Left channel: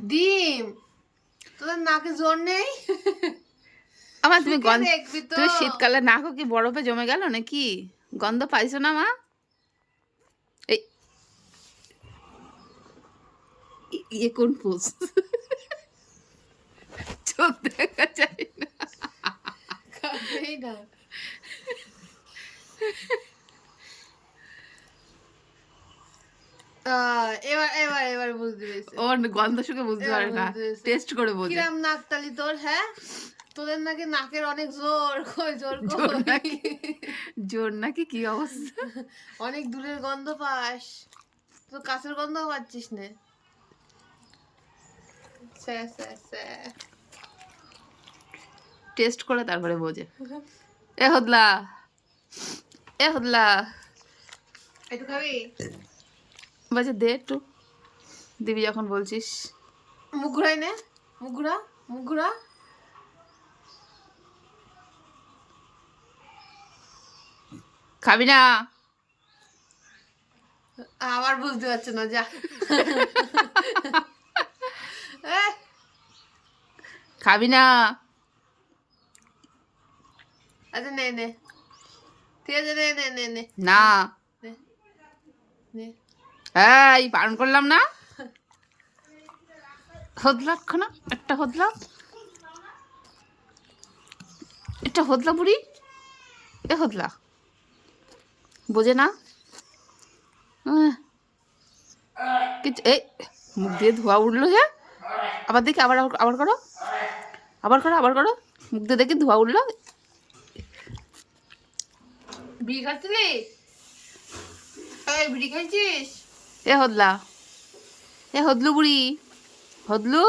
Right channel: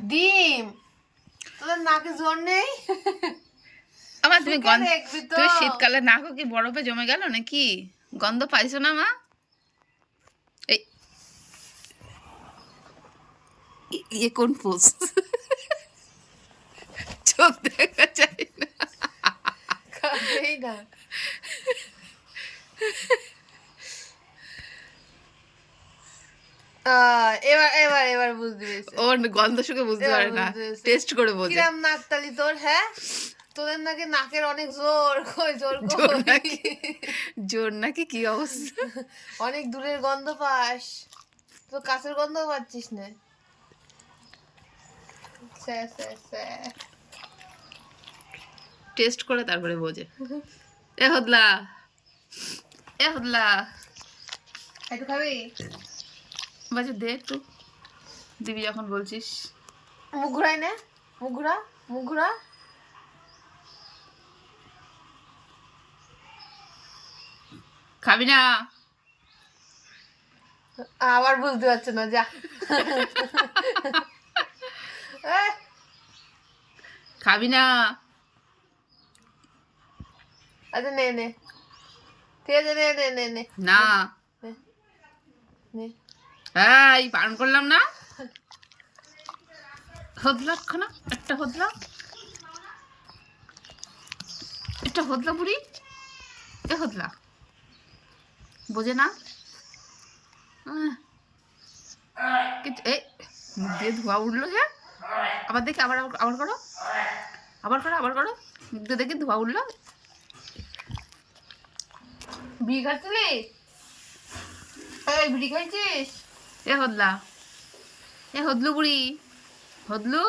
ডিম। তোদের নাকে জোর নেই? আমার তুমি গন্ধ দেখবি তো। তুমি শীতকালে নাকও কি বরফে জমে গেল নাকি? গন্ধ পাইছো না মা? এই ই- ইয়ে কোন পোষ চোখ দেখা যায় না। না। এবার এবার এবার বুঝতে পেরেছি। ওর গন্ধ শুকে বুঝতে পারে না। টেস্ট করে বোঝে। কিরাম নাকতালি তোর হ্যাঁ? তোদের নাকি নাকের অনেক জোর কই জোর কই? জোর নাকি? কি অবস্থা? অনেক দূরের গন্ধ পাস। তো কাছের গন্ধ পাচ্ছিস না। টেস্ট করে তারপরে বোঝে। এ হদলা। এ হদলা। একটু খাবি? বলছে দে একটু। দিবি যখন বলছিস। মুখ ঘুরাই নে। মুখ ঘুরা মুখ ঘুরা। খাবি না। আবার বুঝতে পারছে না যা। খাবি না। আচ্ছা নে নে। ঠিক আছে নে নে নে নে। না। নে নে। এই, বারণ করলাম না? হদলা না একটা হদলা একটা হদলা বুড়ি, এ হদলা বোঝে না। কিছু এই, মুখ দিয়ে ধোয়া উঠল যে। আবার দেখি, আবার- আবার করো। আবার করো আবার করো। মুখ দিয়ে দেখি ধোয়া উঠল। বিড়ি খাচ্ছিলি এই, বিড়ি খাইছিস? এ হদলা। এ হদলু বুড়ি। হদলু?